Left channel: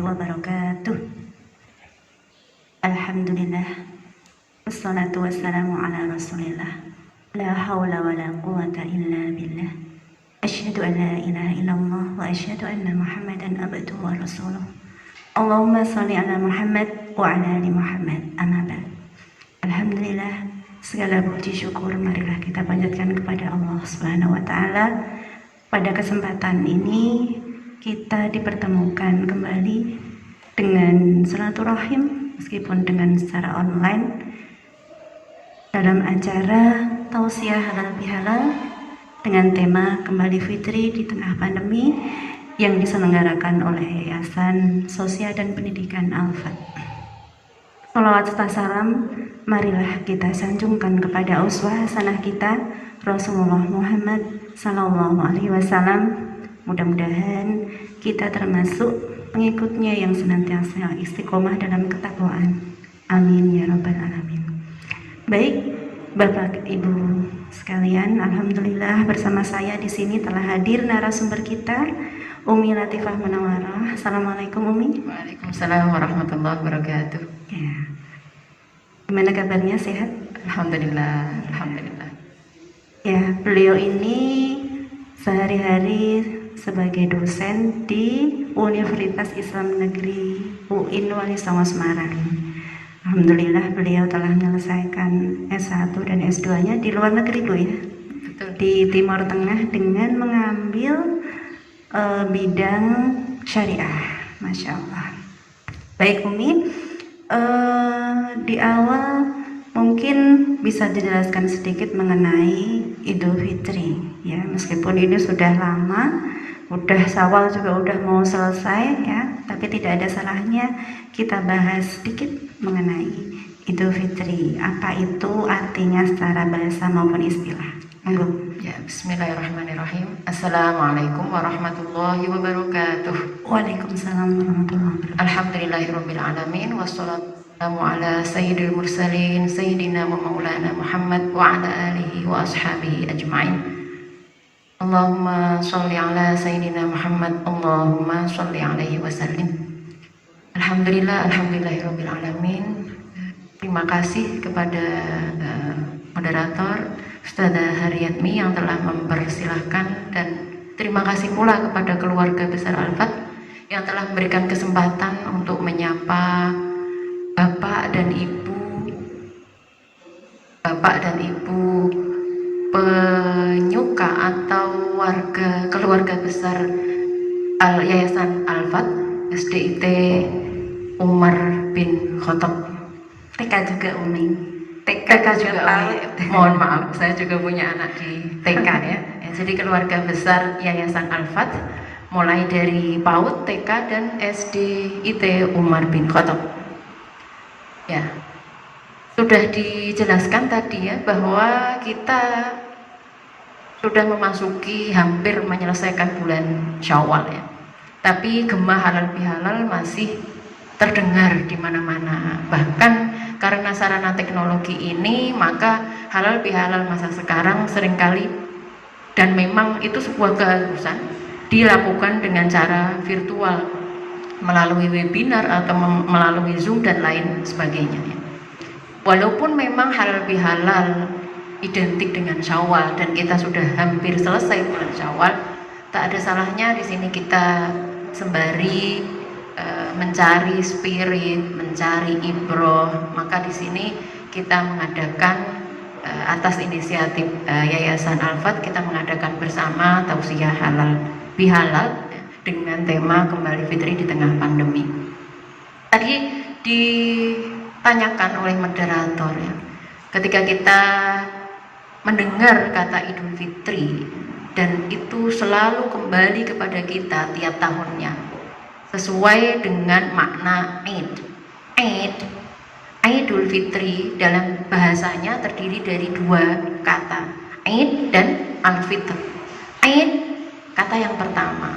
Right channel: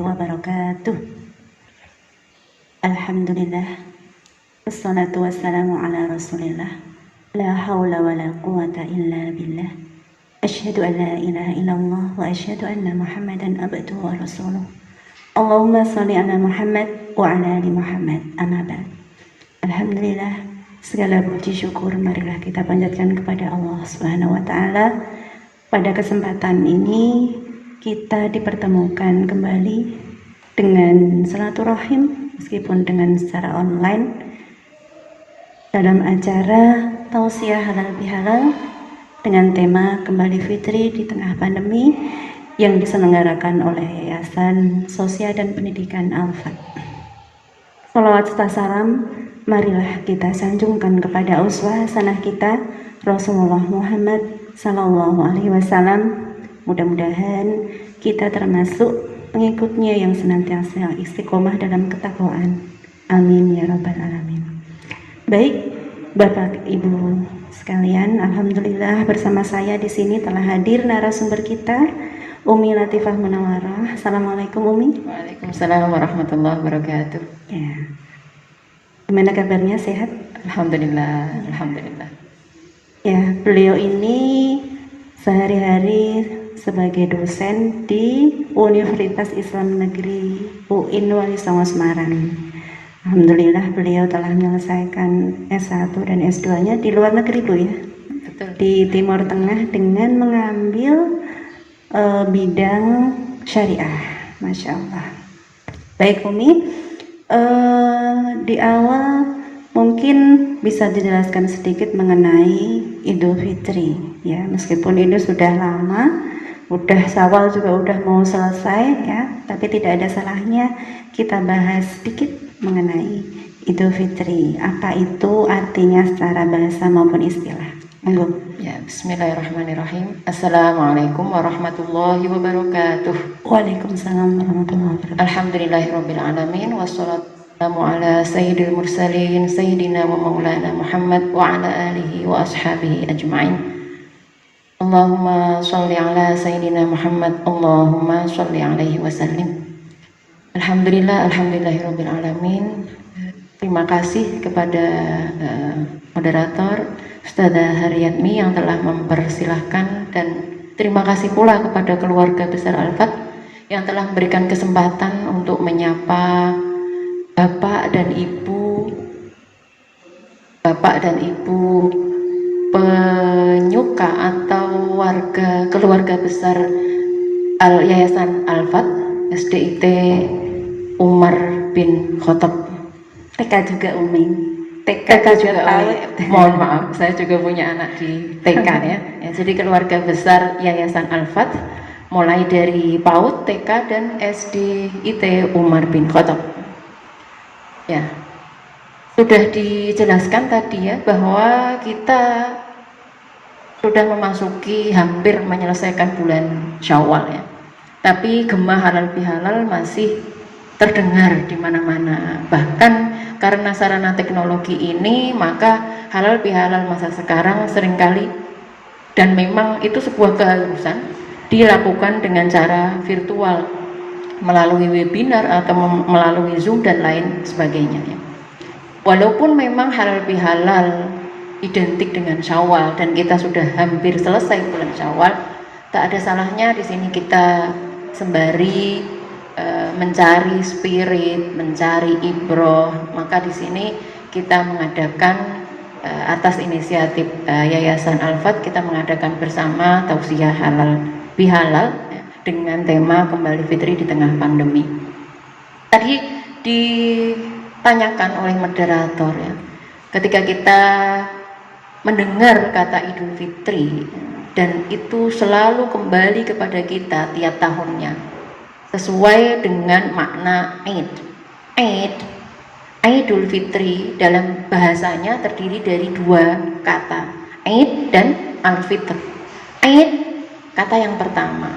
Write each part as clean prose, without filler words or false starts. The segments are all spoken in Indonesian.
wabarakatuh. Alhamdulillah, wassalatu wassalamu ala rasulillah, la hawla wa la quwata illa billah, asyhadu an la ilaha illallah wa asyhadu anna muhammadan abduhu wa rasuluh. Allahumma salli ala Muhammad wa ala ali Muhammad, amma ba'd. Alhamdulillah, segala puji syukur marilah kita panjatkan kepada Allah Subhanahu wa taala. Pada kesempatan ini kita dipertemukan kembali dengan silaturahim meskipun dengan secara online dalam acara tausiah halal bihalal dengan tema Kembali Fitri di Tengah Pandemi yang diselenggarakan oleh Yayasan Sosial dan Pendidikan Al-Fat. Salawat serta salam marilah kita sanjungkan kepada uswah hasanah kita Rasulullah Muhammad Sallallahu Alaihi Wasallam. Mudah-mudahan kita termasuk pengikutnya yang senantiasa istiqomah dalam ketakwaan. Amin ya rabbal alamin. Baik, Bapak Ibu sekalian, alhamdulillah bersama saya di sini telah hadir narasumber kita, Umi Latifah Munawarah. Assalamualaikum Umi. Waalaikumsalam warahmatullahi wabarakatuh. Ya. Gimana kabarnya, sehat? Alhamdulillah, alhamdulillah. Ya, beliau ini sehari-hari sebagai dosen di Universitas Islam Negeri UIN Wali Songo Semarang. Alhamdulillah beliau telah menyelesaikan S1 dan S2-nya di luar negeri Bu ya. Betul. Di Timur Tengah dengan mengambil bidang syariah. Masya Allah. Baik Umi, di awal mungkin bisa dijelaskan sedikit mengenai Idul Fitri ya, meskipun ini sudah lama, udah Syawal juga udah mau selesai ya, tapi tidak ada salahnya kita bahas sedikit mengenai Idul Fitri. Apa itu artinya secara bahasa maupun istilah? Ya, bismillahirrahmanirrahim. Assalamualaikum warahmatullahi wabarakatuh. Waalaikumsalam warahmatullahi wabarakatuh. Alhamdulillahirabbil alamin wassalatu wassalamu ala sayyidil mursalin sayyidina wa maulana Muhammad wa ala alihi wa ashabihi ajma'in. Allahumma sholli ala sayyidina Muhammad, Allahumma sholli alaihi wasallim. Alhamdulillahirabbil alamin. Terima kasih kepada moderator Ustadzah Haryatmi yang telah mempersilahkan, dan terima kasih pula kepada keluarga besar Al-Fat yang telah memberikan kesempatan untuk menyapa Bapak dan Ibu penyuka atau keluarga besar Yayasan Al-Fat SDIT Umar bin Khattab. TK juga Umi. TK juga mohon maaf, saya juga punya anak di TK ya. Jadi keluarga besar Yayasan Al-Fat mulai dari PAUD, TK dan SDIT Umar bin Khattab. Ya, sudah dijelaskan tadi ya bahwa kita sudah memasuki hampir menyelesaikan bulan Syawal ya. Tapi gema halal bihalal masih terdengar di mana-mana. Bahkan karena sarana teknologi ini, maka halal bihalal masa sekarang seringkali, dan memang itu sebuah keharusan, dilakukan dengan cara virtual melalui webinar atau melalui Zoom dan lain sebagainya ya. Walaupun memang halal bihalal identik dengan Syawal dan kita sudah hampir selesai bulan Syawal, tak ada salahnya di sini kita sembari mencari spirit, mencari ibroh. Maka di sini kita mengadakan atas inisiatif Yayasan Al-Fat, kita mengadakan bersama tausiah halal bihalal ya, dengan tema Kembali Fitri di Tengah Pandemi. Tadi ditanyakan oleh moderator ya, ketika kita mendengar kata Idul Fitri, dan itu selalu kembali kepada kita tiap tahunnya sesuai dengan makna Idul Fitri dalam bahasanya terdiri dari dua kata, Id dan Al-Fitr. Id kata yang pertama,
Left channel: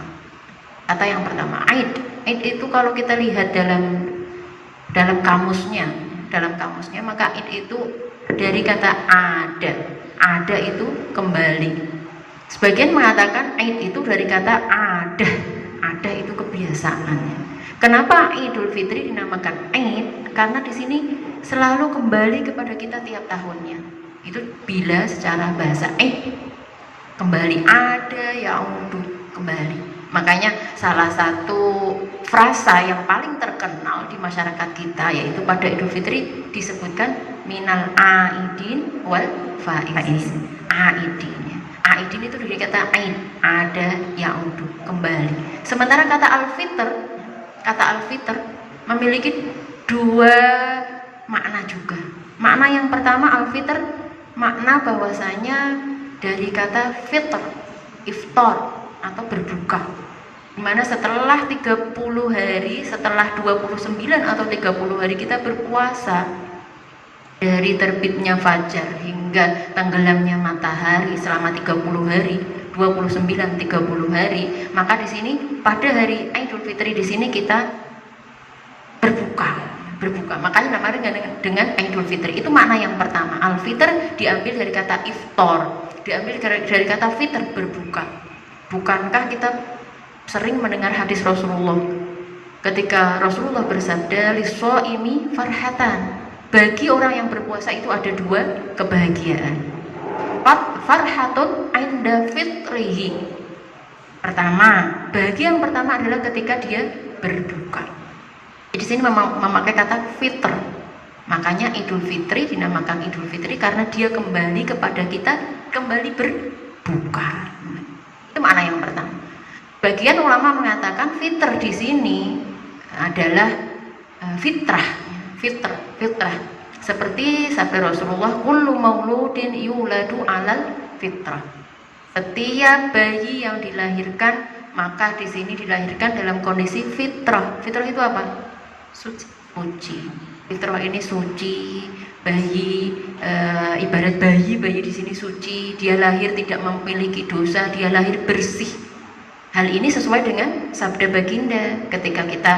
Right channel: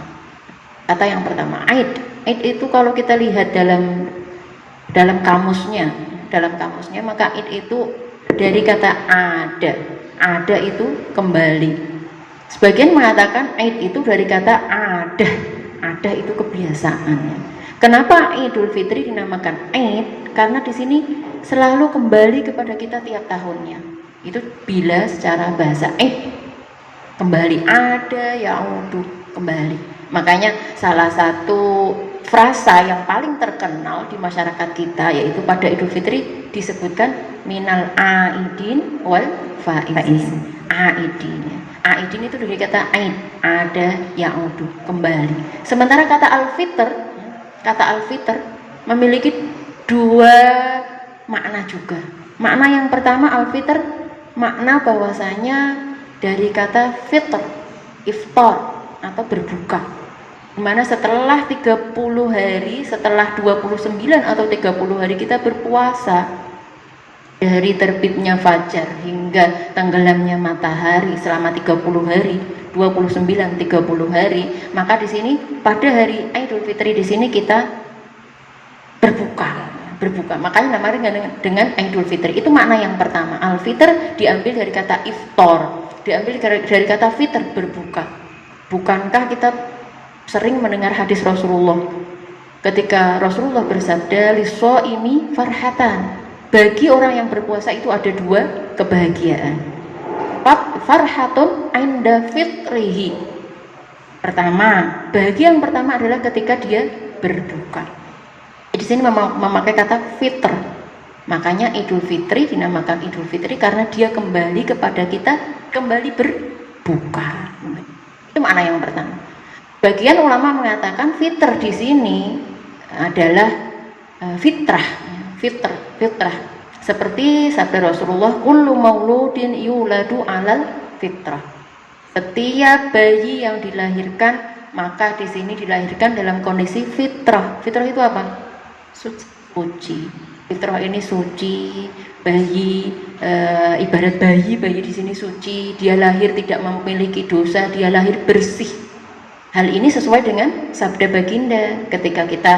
Id itu kalau kita lihat dalam kamusnya maka Id itu dari kata ada itu kembali. Sebagian mengatakan Id itu dari kata ada itu kebiasaan. Kenapa Idul Fitri dinamakan Aid? Karena di sini selalu kembali kepada kita tiap tahunnya. Itu bila secara bahasa kembali, ada yaudu, kembali. Makanya salah satu frasa yang paling terkenal di masyarakat kita yaitu pada Idul Fitri disebutkan minal aidin wal faizin. Aidin itu dari kata aid, ada yaudu, kembali. Sementara kata al-fitr memiliki dua makna juga. Makna yang pertama, al-fitr makna bahwasanya dari kata fitr, iftar atau berbuka, dimana setelah 30 hari, setelah 29 atau 30 hari kita berpuasa, dari terbitnya fajar hingga tenggelamnya matahari selama 30 hari, 29 30 hari, maka di sini pada hari Idul Fitri di sini kita berbuka. Makanya namanya dengan Idul Fitri. Itu makna yang pertama. Al-fitr diambil dari kata iftar, diambil dari kata fitr, berbuka. Bukankah kita sering mendengar hadis Rasulullah ketika Rasulullah bersabda, "Lis-shaimi farhatan." Bagi orang yang berpuasa itu ada dua kebahagiaan. Farhatun inda fitrihi. Pertama, bahagia yang pertama adalah ketika dia berbuka. Di sini memakai kata fitr. Makanya Idul Fitri dinamakan Idul Fitri karena dia kembali kepada kita, kembali berbuka. Itu makna yang pertama. Bagian ulama mengatakan fitr di sini adalah fitrah. Seperti sabda Rasulullah, kullu mauludin yuladu alal fitrah. Setiap bayi yang dilahirkan maka di sini dilahirkan dalam kondisi fitrah. Fitrah itu apa? Suci. Fitrah ini suci. Bayi ibarat bayi di sini suci. Dia lahir tidak memiliki dosa, dia lahir bersih. Hal ini sesuai dengan sabda baginda ketika kita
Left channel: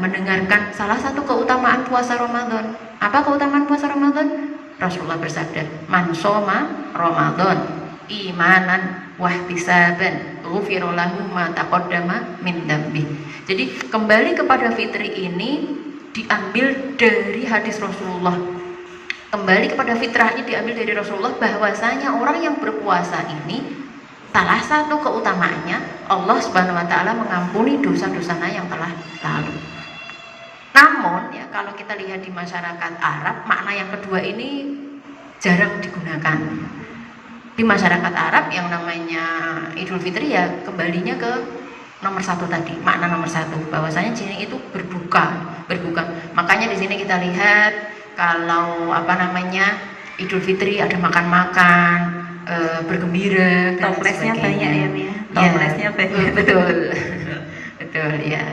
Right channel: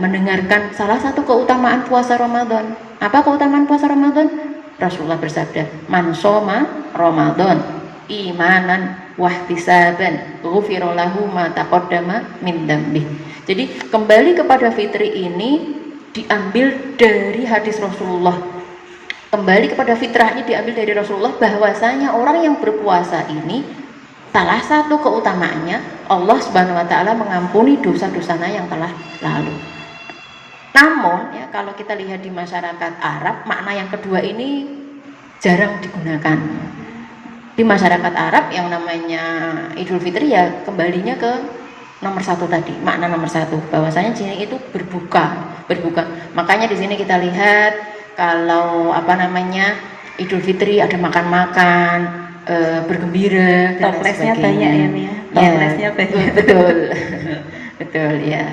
mendengarkan salah satu keutamaan puasa Ramadan. Apa keutamaan puasa Ramadan? Rasulullah bersabda, "Man shoma Ramadan imanan wahtisaban ghufira lahu ma taqaddama min dzambi." Jadi kembali kepada fitri ini diambil dari hadis Rasulullah. Kembali kepada fitrah ini diambil dari Rasulullah bahwasanya orang yang berpuasa ini salah satu keutamaannya Allah Subhanahu wa taala mengampuni dosa-dosanya yang telah lalu. Namun ya, kalau kita lihat di masyarakat Arab, makna yang kedua ini jarang digunakan. Di masyarakat Arab yang namanya Idul Fitri ya kembalinya ke nomor satu tadi, makna nomor satu bahwasanya sini itu berbuka. Makanya di sini kita lihat kalau Idul Fitri ada makan-makan, bergembira, toplesnya banyak ya, Mia. Toplesnya banyak. Betul ya.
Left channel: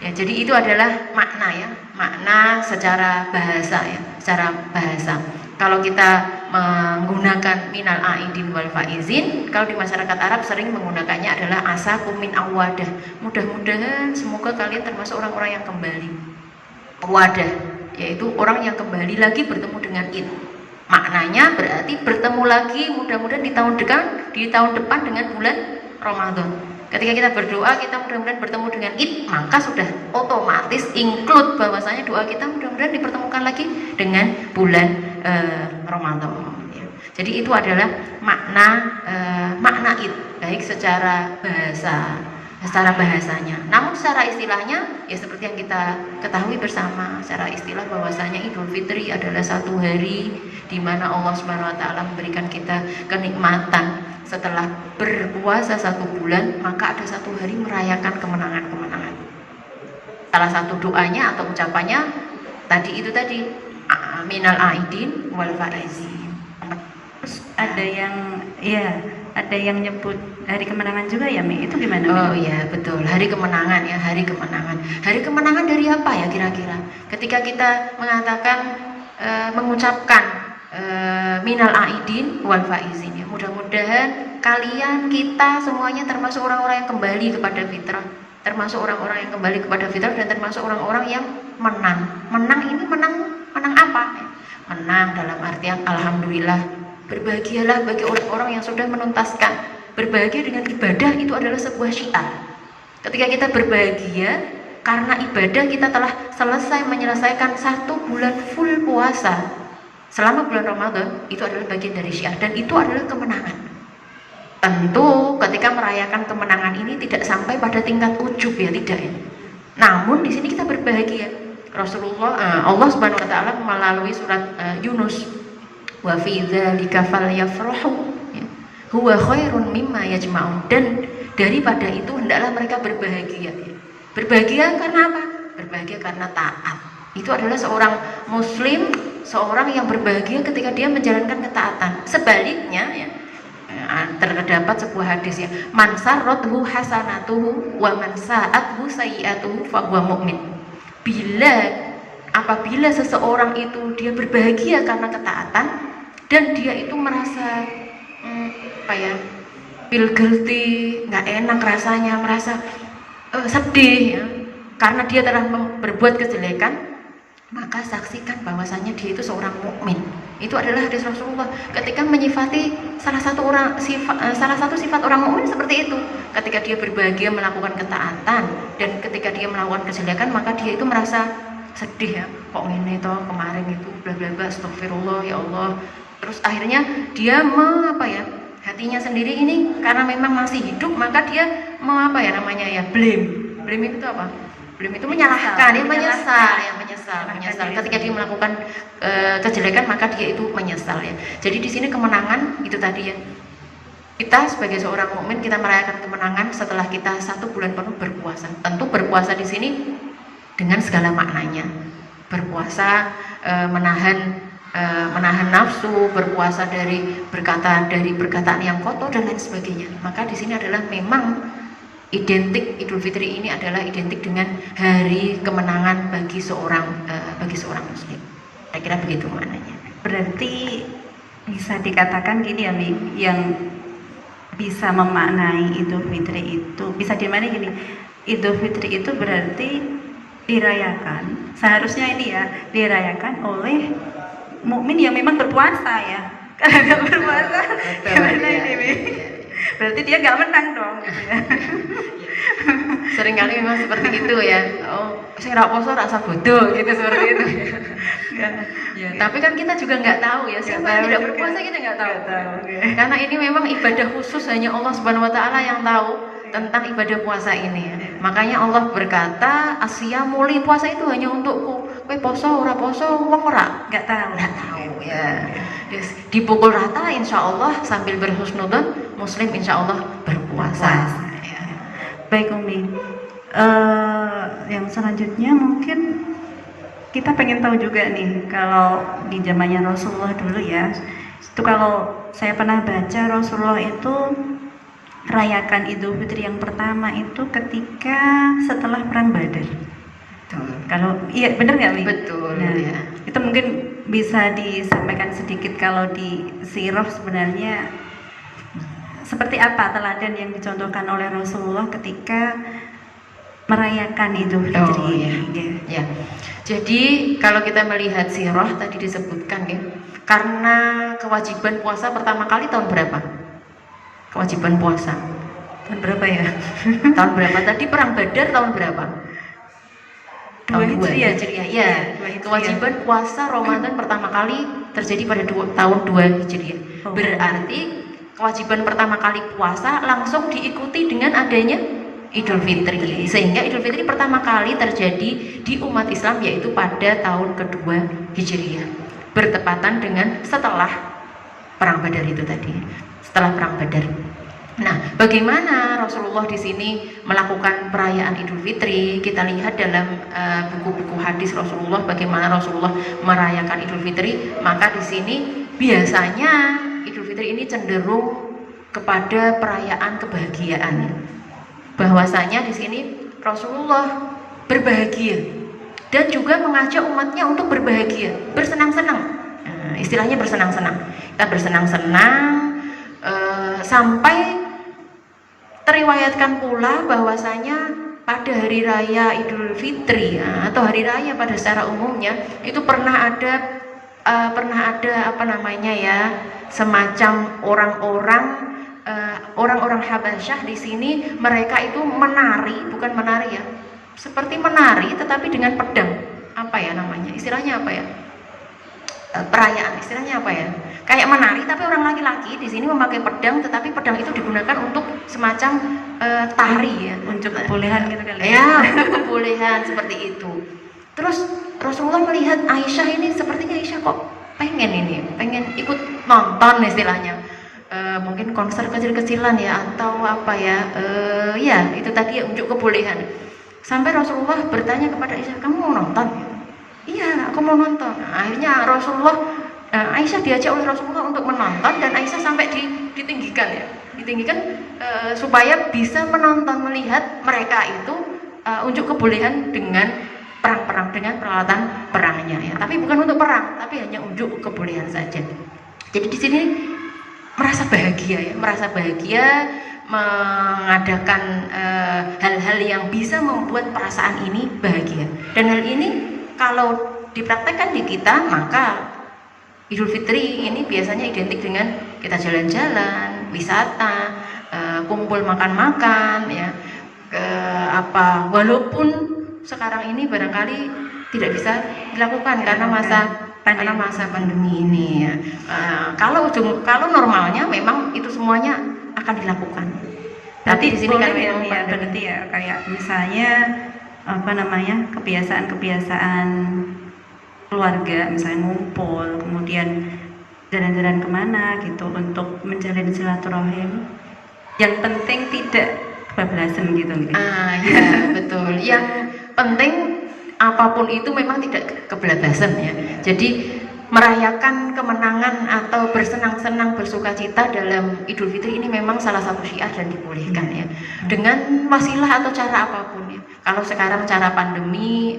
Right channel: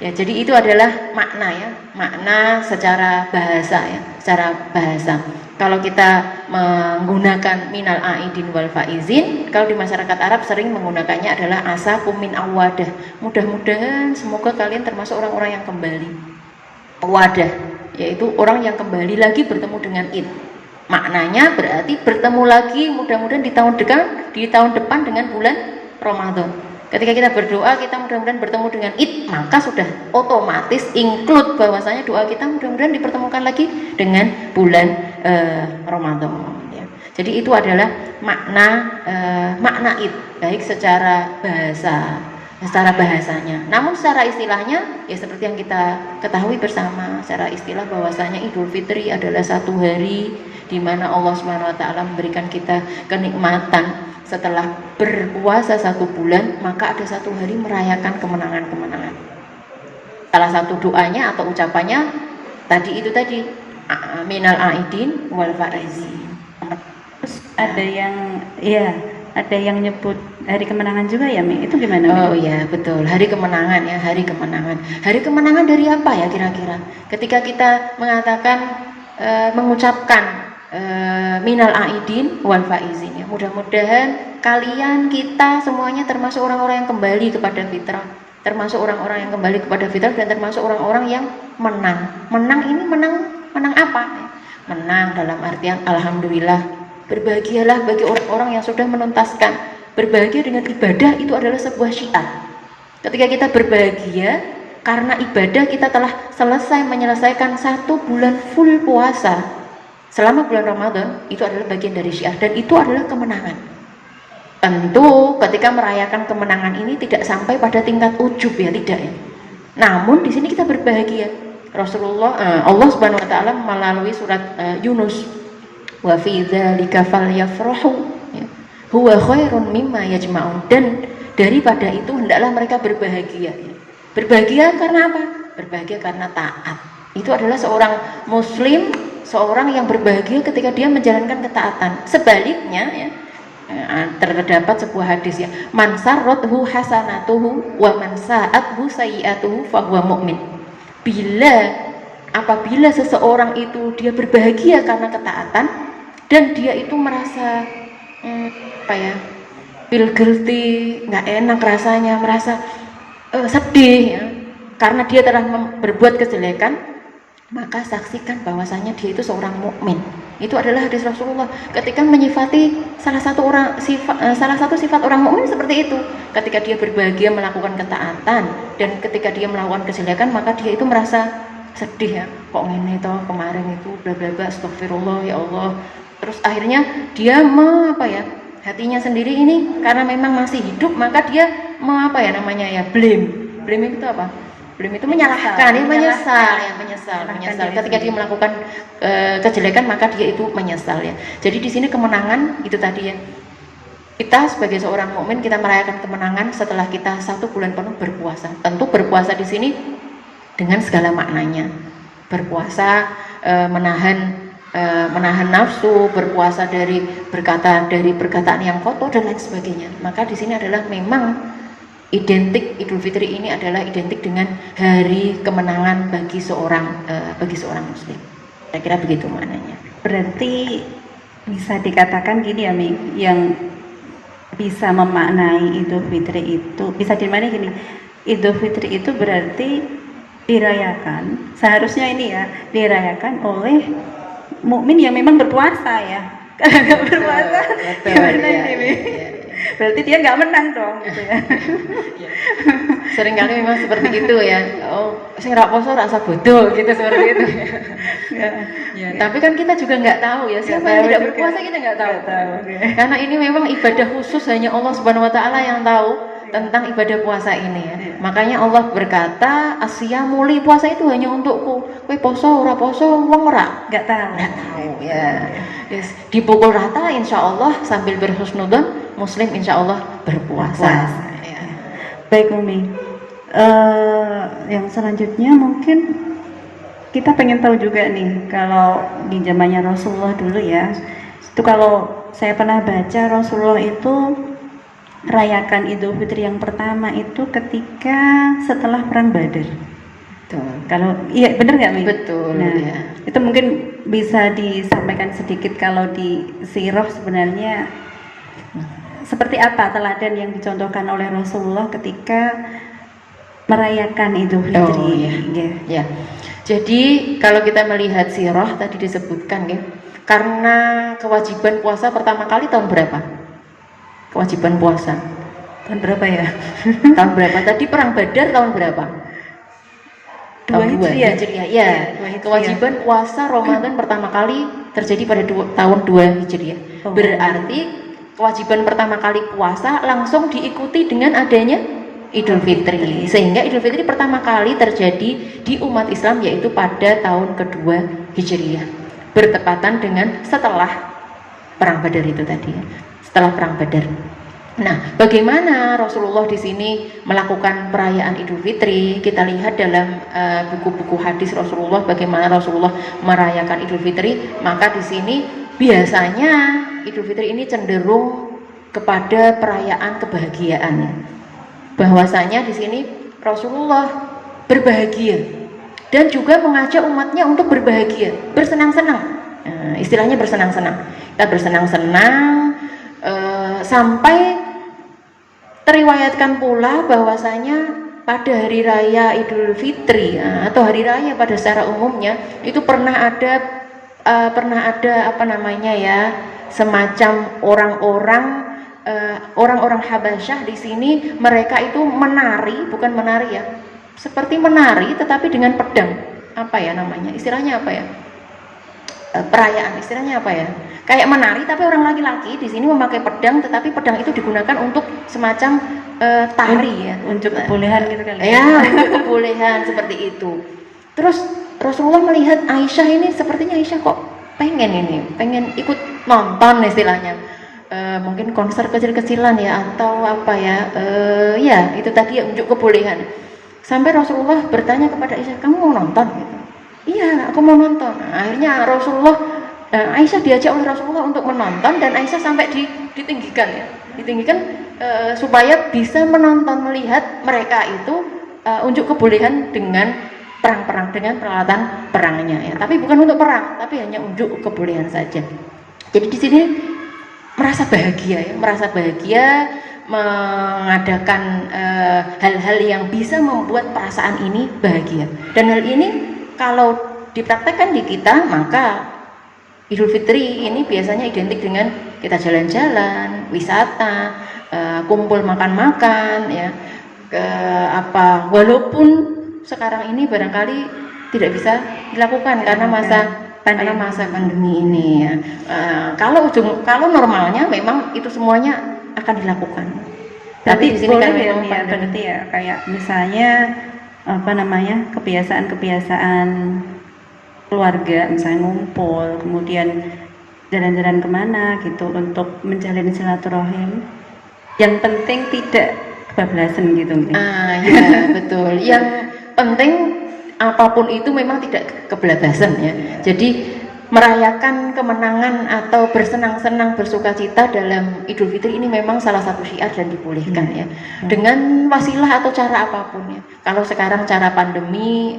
Ya, jadi itu adalah makna secara bahasa ya, secara bahasa. Kalau kita menggunakan minal aidin wal faizin, kalau di masyarakat Arab sering menggunakannya adalah asakum min awadah. Mudah-mudahan semoga kalian termasuk orang-orang yang kembali. Wadah, yaitu orang yang kembali lagi bertemu dengan Id. Maknanya berarti bertemu lagi mudah-mudahan di tahun depan dengan bulan Ramadan. Ketika kita berdoa, kita mudah-mudahan bertemu dengan Id, maka sudah otomatis include bahwasanya doa kita mudah-mudahan dipertemukan lagi dengan bulan Ramadan. Ya. Jadi itu adalah makna Id, baik secara bahasanya. Namun secara istilahnya, ya seperti yang kita ketahui bersama, secara istilah bahwasanya Idul Fitri adalah satu hari di mana Allah Subhanahu wa taala memberikan kita kenikmatan. Setelah berpuasa 1 bulan, maka ada 1 hari merayakan kemenangan-kemenangan. Salah satu doanya atau ucapannya tadi minal aidin wal faizin. Ada yang nyebut hari kemenangan juga ya, Mi? Itu gimana? Oh ya, betul. Hari kemenangan ya, hari kemenangan. Hari kemenangan dari apa ya kira-kira? Ketika kita mengatakan mengucapkan minal aidin wal faizin ya. Mudah-mudahan kalian, kita semuanya termasuk orang-orang yang kembali kepada fitrah, termasuk orang-orang yang kembali kepada fitrah dan termasuk orang-orang yang menang. Menang apa? Menang dalam artian alhamdulillah. Berbahagialah bagi orang-orang yang sudah menuntaskan. Berbahagia dengan ibadah itu adalah sebuah syiar. Ketika kita berbahagia karena ibadah kita telah menyelesaikan 1 bulan full puasa selama bulan Ramadan, itu adalah bagian dari syiar dan itu adalah kemenangan. Tentu ketika merayakan kemenangan ini tidak sampai pada tingkat ujub ya, tidak ya. Namun di sini kita berbahagia. Allah Subhanahu wa taala melalui surat Yunus, wa fi dzalika falyafrahu huwa khairun mimma yajma'un, dan daripada itu hendaklah mereka berbahagia. Berbahagia karena apa? Berbahagia karena taat. Itu adalah seorang muslim, seorang yang berbahagia ketika dia menjalankan ketaatan. Sebaliknya ya, terdapat sebuah hadis ya, man sarrathu hasanatuhu wa man sa'athu sayyi'atuhu fa huwa mu'min. Apabila seseorang itu dia berbahagia karena ketaatan dan dia itu merasa feel guilty, nggak enak rasanya, merasa sedih ya, karena dia telah berbuat kejelekan, maka saksikan bahwasanya dia itu seorang mukmin. Itu adalah hadis Rasulullah ketika menyifati salah satu sifat orang mukmin seperti itu. Ketika dia berbahagia melakukan ketaatan dan ketika dia melakukan kejelekan, maka dia itu merasa sedih ya, kok ini toh kemarin itu bla bla bla, astagfirullah ya Allah. Terus akhirnya dia hatinya sendiri ini karena memang masih hidup, maka dia blame itu apa? Blame itu menyalahkan, menyesal. Ketika dia melakukan kejelekan, maka dia itu menyesal ya. Jadi di sini kemenangan itu tadi ya. Kita sebagai seorang mukmin, kita merayakan kemenangan setelah kita 1 bulan penuh berpuasa. Tentu berpuasa di sini dengan segala maknanya. Berpuasa menahan nafsu, berpuasa dari perkataan yang kotor dan lain sebagainya. Maka di sini adalah memang identik Idul Fitri ini adalah identik dengan hari kemenangan bagi seorang muslim. Saya kira begitu maknanya. Berarti bisa dikatakan gini ya, Mi, yang bisa memaknai Idul Fitri itu bisa dimaknai gini. Idul Fitri itu berarti dirayakan, seharusnya ini ya dirayakan oleh mukmin yang memang berpuasa ya. Karena berpuasa berarti dia nggak menang dong gitu ya. Seringkali memang seperti itu ya. Sing ra poso rasa bodoh gitu, seperti itu ya. Tapi kan kita juga nggak tahu ya, siapa yang tidak berpuasa kita nggak tahu. Karena ini memang ibadah khusus, hanya Allah Subhanahu wa taala yang tahu tentang ibadah puasa ini ya. Makanya Allah berkata, asyamu li, puasa itu hanya untukku. Kowe poso ora poso wong ora nggak tahu ya. Yes. Dipukul rata insya Allah sambil berhusnudzon, muslim insya Allah berpuasa. Ya. Baik Umi, yang selanjutnya mungkin kita pengen tahu juga nih, kalau di zamannya Rasulullah dulu ya, itu kalau saya pernah baca Rasulullah itu rayakan Idul Fitri yang pertama itu ketika setelah perang Badar. Tuh, kalau iya benar nggak Mi? Betul. Nah, ya. itu mungkin bisa disampaikan sedikit kalau di sirah sebenarnya seperti apa teladan yang dicontohkan oleh Rasulullah ketika merayakan Idul Fitri. Ya. Jadi kalau kita melihat sirah tadi disebutkan ya, karena kewajiban puasa pertama kali tahun berapa? Kewajiban puasa tahun berapa ya? Tahun berapa? Tadi perang Badar tahun berapa? Tahun 2 Hijriah. Ya. Kewajiban puasa Ramadan pertama kali terjadi pada tahun 2 Hijriah. Berarti kewajiban pertama kali puasa langsung diikuti dengan adanya Idul Fitri. Sehingga Idul Fitri pertama kali terjadi di umat Islam yaitu pada tahun kedua Hijriah, bertepatan dengan setelah perang Badar itu tadi. Setelah perang Badar. Nah, bagaimana Rasulullah di sini melakukan perayaan Idul Fitri? Kita lihat dalam buku-buku hadis Rasulullah bagaimana Rasulullah merayakan Idul Fitri. Maka di sini biasanya Idul Fitri ini cenderung kepada perayaan kebahagiaan. Bahwasanya di sini Rasulullah berbahagia dan juga mengajak umatnya untuk berbahagia, bersenang-senang. Istilahnya bersenang-senang. Kita bersenang-senang sampai teriwayatkan pula bahwasanya pada hari raya Idul Fitri ya, atau hari raya pada secara umumnya itu pernah ada semacam orang-orang Habasyah di sini, mereka itu menari, bukan menari ya, seperti menari tetapi dengan pedang. Apa ya namanya? Istilahnya apa ya? Perayaan, istilahnya apa ya? Kayak menari tapi orang laki-laki di sini memakai pedang, tetapi pedang itu digunakan untuk semacam tari ya, unjuk kebolehan gitu kan ya, unjuk kebolehan seperti itu. Terus Rasulullah melihat Aisyah ini, sepertinya Aisyah kok pengen ikut nonton istilahnya. Mungkin konser kecil-kecilan ya atau apa ya, ya itu tadi ya, unjuk kebolehan. Sampai Rasulullah bertanya kepada Aisyah, kamu mau nonton? Iya, aku mau nonton. Nah, akhirnya Aisyah diajak oleh Rasulullah untuk menonton, dan Aisyah sampai ditinggikan ya, supaya bisa menonton, melihat mereka itu unjuk kebolehan dengan perang-perang, dengan peralatan perangnya ya. Tapi bukan untuk perang, tapi hanya unjuk kebolehan saja. Jadi di sini merasa bahagia mengadakan hal-hal yang bisa membuat perasaan ini bahagia. Dan hal ini kalau dipraktekkan di kita, maka Idul Fitri ini biasanya identik dengan kita jalan-jalan, wisata, kumpul makan-makan ya, walaupun sekarang ini barangkali tidak bisa dilakukan karena masa pandemi ini ya. Kalau normalnya memang itu semuanya akan dilakukan. Tapi di sini kan ya, berarti ya kayak misalnya kebiasaan-kebiasaan keluarga, misalnya ngumpul, kemudian jalan-jalan kemana gitu untuk menjalin silaturahim. Yang penting tidak kebablasan gitu. Ya betul. Yang penting apapun itu memang tidak kebablasan ya. Jadi merayakan kemenangan atau bersenang-senang, bersukacita dalam Idul Fitri ini memang salah satu syiar dan dibolehkan ya. Dengan wasilah atau cara apapun ya. Kalau sekarang cara pandemi,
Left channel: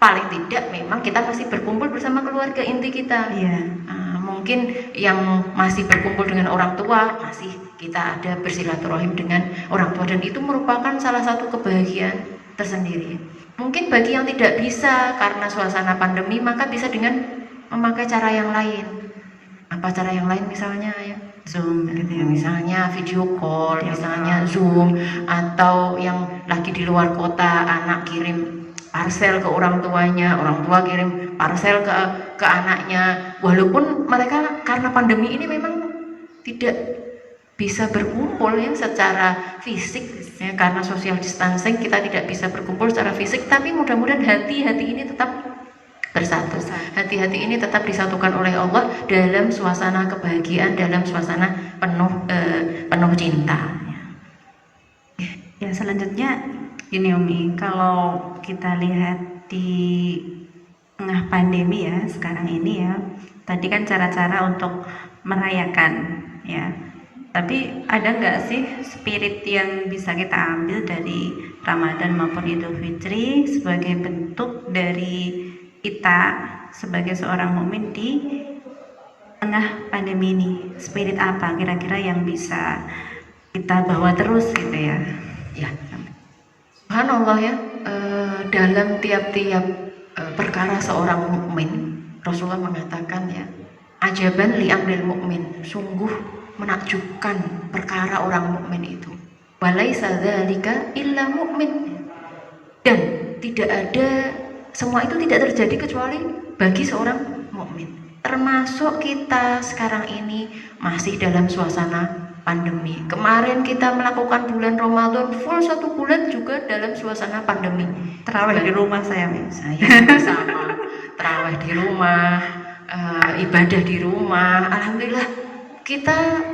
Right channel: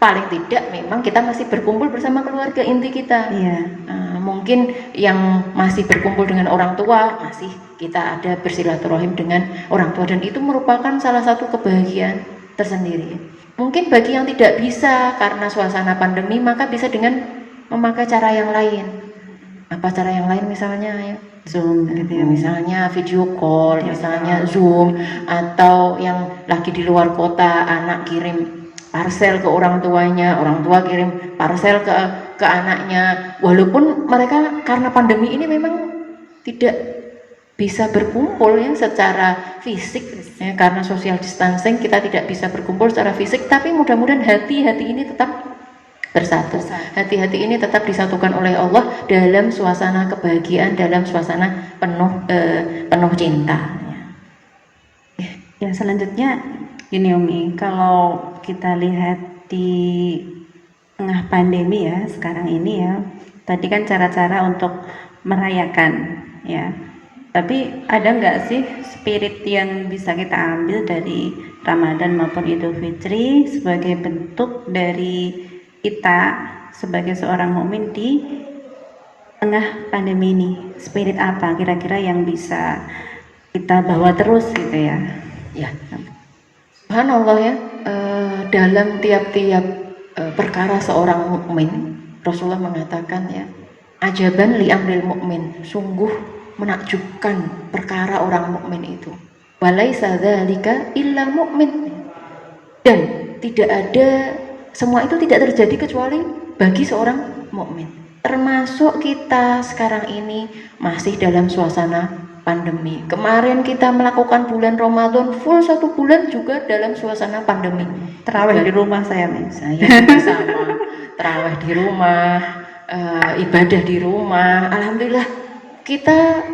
paling tidak memang kita masih berkumpul bersama keluarga inti kita. Mungkin yang masih berkumpul dengan orang tua, masih kita ada bersilaturahim dengan orang tua, dan itu merupakan salah satu kebahagiaan tersendiri. Mungkin bagi yang tidak bisa karena suasana pandemi, maka bisa dengan memakai cara yang lain. Apa cara yang lain? Misalnya ya Zoom gitu ya, misalnya video call, misalnya Zoom, atau yang lagi di luar kota, anak kirim parcel ke orang tuanya, orang tua kirim parcel ke anaknya. Walaupun mereka karena pandemi ini memang tidak bisa berkumpul ya secara fisik ya, karena social distancing kita tidak bisa berkumpul secara fisik, tapi mudah-mudahan hati ini tetap bersatu. Hati-hati ini tetap disatukan oleh Allah dalam suasana kebahagiaan, dalam suasana penuh cinta. Ya, selanjutnya gini Umi, kalau kita lihat di tengah pandemi ya sekarang ini ya, tadi kan cara-cara untuk merayakan ya, tapi ada nggak sih spirit yang bisa kita ambil dari Ramadan maupun Idul Fitri sebagai bentuk dari kita sebagai seorang mukmin di tengah pandemi ini? Spirit apa kira-kira yang bisa kita bawa terus gitu ya? Ya, subhanallah ya, dalam tiap-tiap perkara seorang mukmin, Rasulullah mengatakan ya, ajaban li amril mukmin, sungguh menakjubkan perkara orang mukmin itu. Walaisa dzalika illa mukmin, dan tidak ada, semua itu tidak terjadi kecuali bagi seorang mukmin. Termasuk kita sekarang ini masih dalam suasana pandemi. Kemarin kita melakukan bulan Ramadan full 1 bulan juga dalam suasana pandemi. Terawih di rumah saya sama terawih di rumah, ibadah di rumah. Alhamdulillah, kita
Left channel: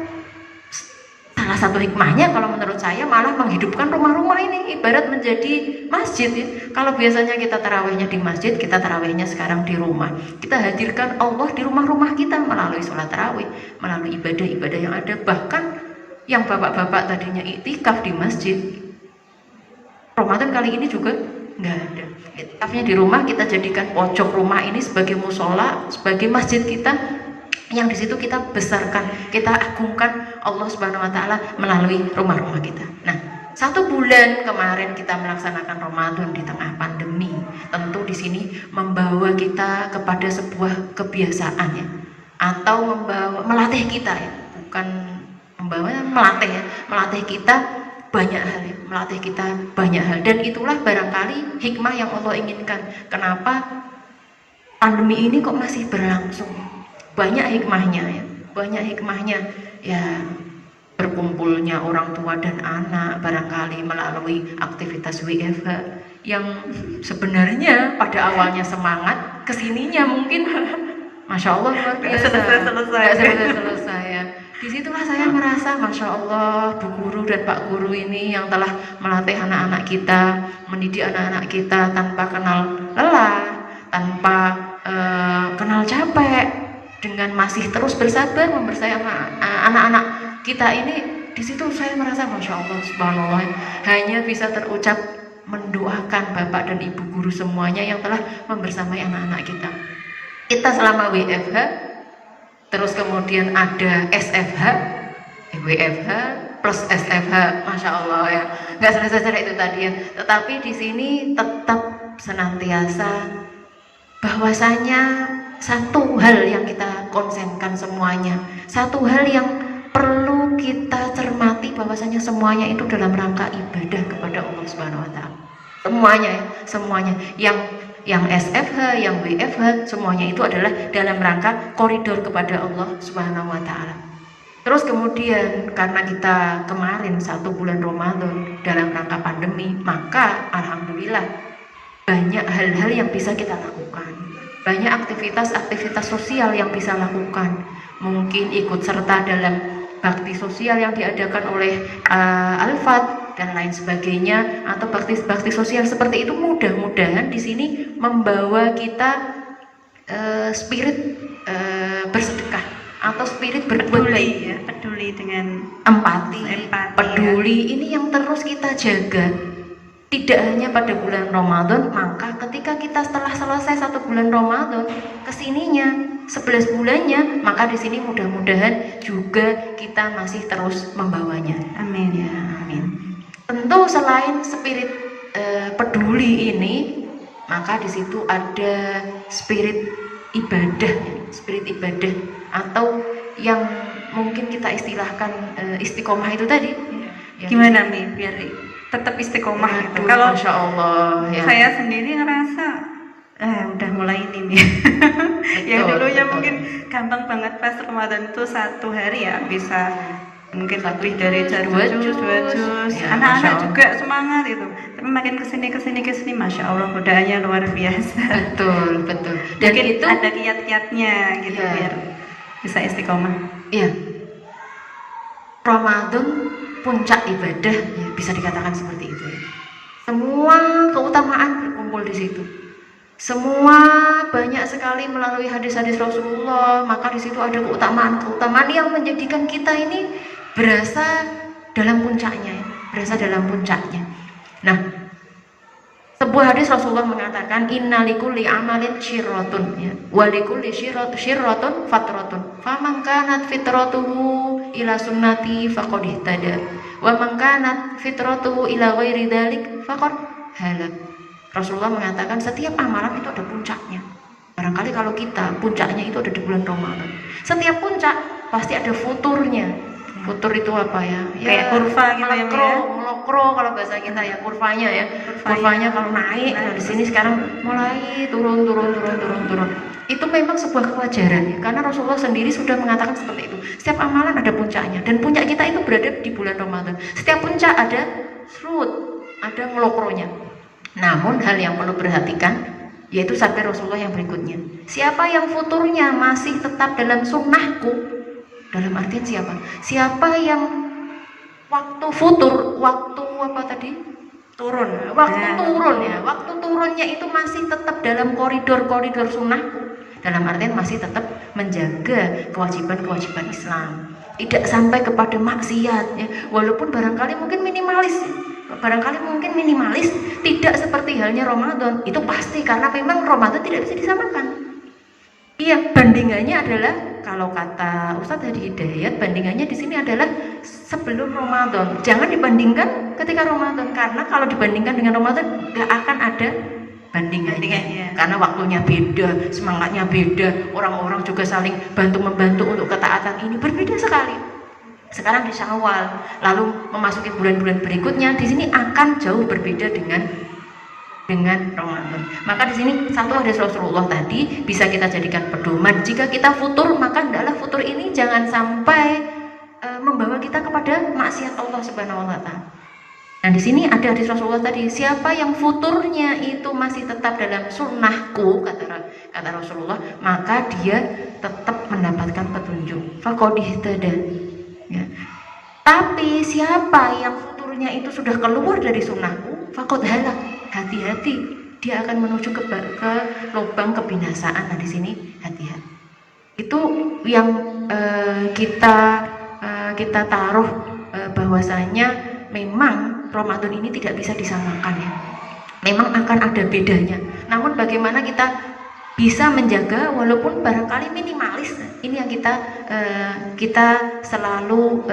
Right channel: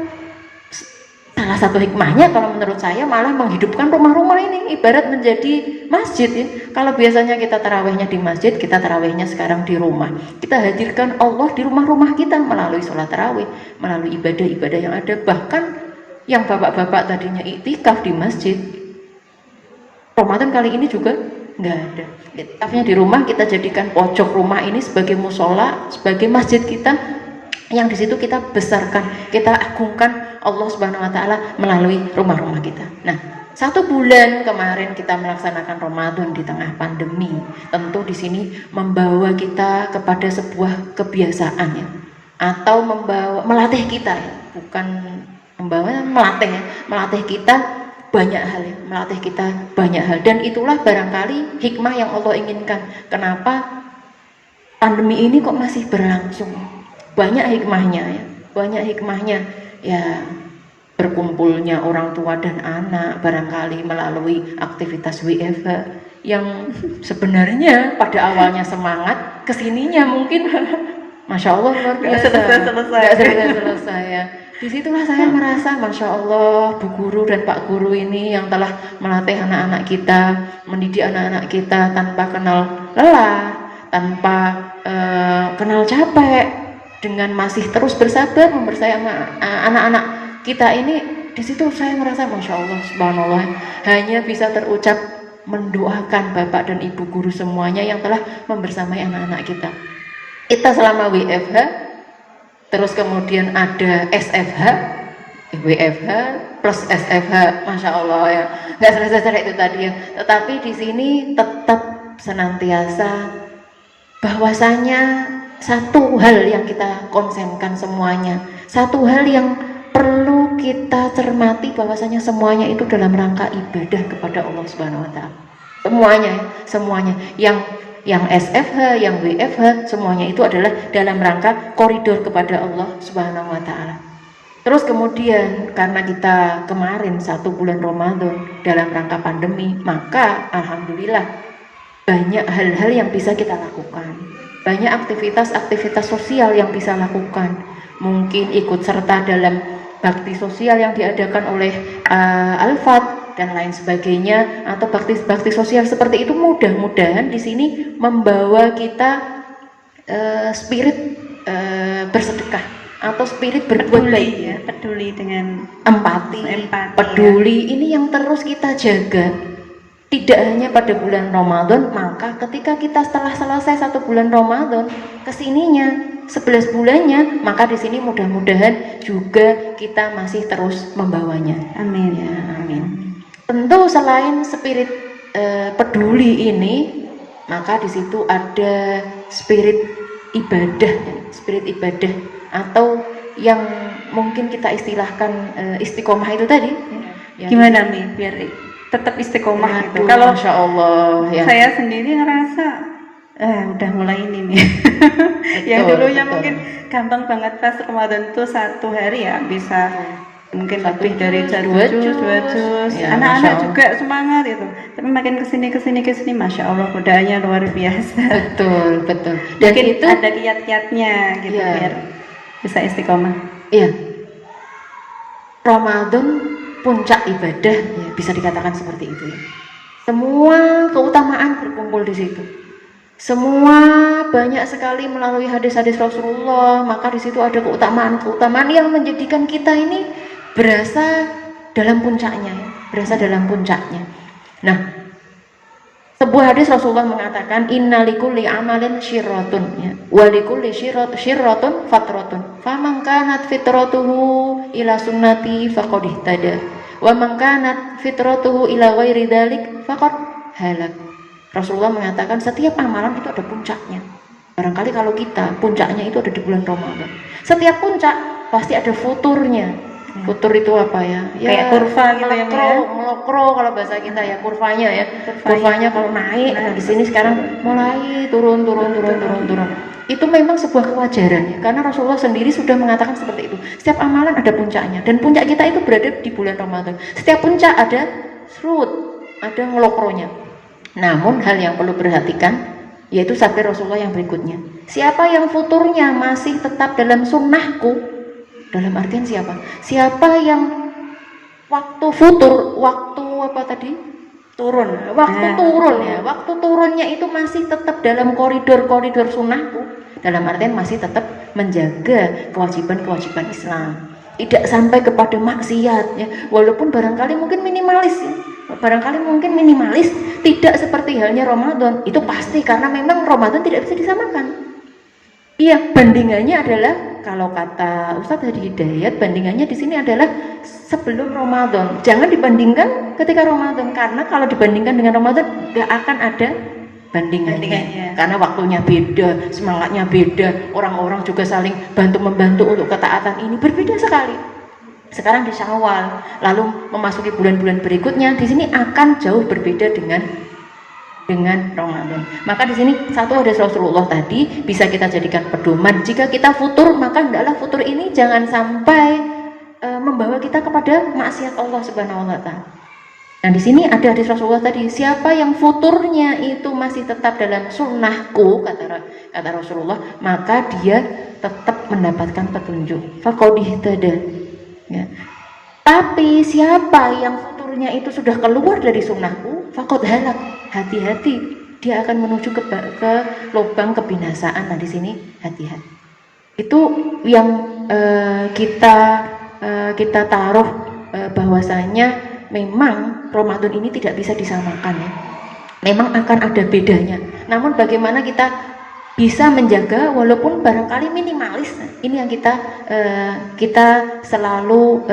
salah satu hikmahnya kalau menurut saya malah menghidupkan rumah-rumah ini ibarat menjadi masjid ya. Kalau biasanya kita tarawihnya di masjid, kita tarawihnya sekarang di rumah. Kita hadirkan Allah di rumah-rumah kita melalui sholat tarawih, melalui ibadah-ibadah yang ada. Bahkan yang bapak-bapak tadinya iktikaf di masjid, Ramadan kali ini juga nggak ada. Iktikafnya di rumah, kita jadikan pojok rumah ini sebagai musola, sebagai masjid kita, yang di situ kita besarkan, kita agungkan Allah Subhanahu wa taala melalui rumah-rumah kita. Nah, 1 bulan kemarin kita melaksanakan Ramadan di tengah pandemi. Tentu di sini membawa kita kepada sebuah kebiasaan ya, atau melatih kita ya, bukan membawa, melatih ya, melatih kita banyak hal ya, melatih kita banyak hal, dan itulah barangkali hikmah yang Allah inginkan. Kenapa pandemi ini kok masih berlangsung? Banyak hikmahnya ya, banyak hikmahnya ya, berkumpulnya orang tua dan anak barangkali melalui aktivitas WFH yang sebenarnya pada awalnya semangat, kesininya mungkin Masya Allah luar biasa, nggak selesai ya. Disitulah saya merasa Masya Allah, Bu Guru dan Pak Guru ini yang telah melatih anak-anak kita, mendidik anak-anak kita tanpa kenal lelah, tanpa kenal capek, dengan masih terus bersabar membersamai anak-anak kita ini. Di situ saya merasa Masya Allah, Subhanallah, hanya bisa terucap mendoakan Bapak dan Ibu Guru semuanya yang telah membersamai anak-anak kita. Kita selama WFH, terus kemudian ada SFH, WFH plus SFH, Masya Allah ya, nggak selesai itu tadi ya. Tetapi di sini tetap senantiasa bahwasanya satu hal yang kita konsenkan semuanya, satu hal yang perlu kita cermati, bahwasanya semuanya itu dalam rangka ibadah kepada Allah Subhanahu Wa Taala. Semuanya yang SFH, yang WFH, semuanya itu adalah dalam rangka koridor kepada Allah Subhanahu Wa Taala. Terus kemudian karena kita kemarin 1 bulan Ramadan dalam rangka pandemi, maka alhamdulillah banyak hal-hal yang bisa kita lakukan, banyak aktivitas-aktivitas sosial yang bisa lakukan. Mungkin ikut serta dalam bakti sosial yang diadakan oleh Al-Fat dan lain sebagainya, atau bakti sosial seperti itu. Mudah-mudahan di sini membawa kita spirit bersedekah atau spirit berbuat baik ya, peduli dengan empati peduli ya. Ini yang terus kita jaga, tidak hanya pada bulan Ramadan. Maka ketika kita setelah selesai 1 bulan Ramadan, kesininya 11 bulannya, maka di sini mudah-mudahan juga kita masih terus membawanya. Amin ya, amin. Tentu selain spirit peduli ini, maka di situ ada spirit ibadah, atau yang mungkin kita istilahkan istiqomah itu tadi. Gimana nih biar tetap istiqomah gitu? Kalau Masya Allah ya. Saya sendiri ngerasa udah mulai ini nih. Yang dulunya mungkin gampang banget pas Ramadan tuh 1 hari ya bisa mungkin lebih dari 2 juz. Ya, anak-anak juga semangat itu. Tapi makin kesini Masya Allah godaannya luar biasa. Betul. Dan itu ada kiat-kiatnya gitu ya, biar bisa istiqomah. Iya. Ramadan puncak ibadah ya, bisa dikatakan seperti itu ya. Semua keutamaan berkumpul di situ. Semua banyak sekali melalui hadis-hadis Rasulullah, maka di situ ada keutamaan yang menjadikan kita ini berasa dalam puncaknya. Nah, sebuah hadis Rasulullah mengatakan innalikulli amalin syirratun ya, walikulli syirratun fatratun, faman kanat fitratuhu ila sunnati faqad ihtada, wa man kanat fitratuhu ila ghairi dzalik faqad halak. Rasulullah mengatakan setiap amalan itu ada puncaknya. Barangkali kalau kita puncaknya itu ada di bulan Ramadan. Setiap puncak pasti ada futurnya. Futur itu apa ya? Kayak kurva gitu ya, melokro kalau bahasa kita ya, kurvanya ya. Kurvanya kalau naik, nah di sini sekarang mulai turun. Itu memang sebuah kewajaran ya, karena Rasulullah sendiri sudah mengatakan seperti itu. Setiap amalan ada puncaknya, dan puncak kita itu berada di bulan Ramadan. Setiap puncak ada surut, ada melokronya. Namun hal yang perlu perhatikan yaitu sabda Rasulullah yang berikutnya, siapa yang futurnya masih tetap dalam sunnahku, dalam artian siapa yang waktu futur, waktu turun ya, waktu turunnya itu masih tetap dalam koridor sunnahku, dalam artian masih tetap menjaga kewajiban Islam, tidak sampai kepada maksiat ya, walaupun barangkali mungkin minimalis, tidak seperti halnya Ramadan. Itu pasti, karena memang Ramadan tidak bisa disamakan. Iya, bandingannya adalah kalau kata Ustadz Hadi Hidayat, bandingannya di sini adalah sebelum Ramadan. Jangan dibandingkan ketika Ramadan, karena kalau dibandingkan dengan Ramadan tidak akan ada bandingannya. Karena waktunya beda, semangatnya beda, orang-orang juga saling bantu-membantu untuk ketaatan ini berbeda sekali. Sekarang di Syawal, lalu memasuki bulan-bulan berikutnya, di sini akan jauh berbeda dengan Ramadan. Maka di sini satu hadis Rasulullah tadi bisa kita jadikan pedoman. Jika kita futur, maka hendaklah futur ini jangan sampai membawa kita kepada maksiat Allah Subhanahu wa taala. Nah, di sini ada hadis Rasulullah tadi, siapa yang futurnya itu masih tetap dalam sunnahku, kata Rasulullah, maka dia tetap mendapatkan petunjuk. Faqad ihtada. Ya. Tapi siapa yang futurnya itu sudah keluar dari sunnahku, faqad halak. Hati-hati, dia akan menuju ke lubang kebinasaan. Nah, di sini hati-hati. Itu yang kita taruh bahwasanya memang Ramadan ini tidak bisa disamakan ya. Memang akan ada bedanya. Namun bagaimana kita bisa menjaga walaupun barangkali minimalis. Ini yang kita selalu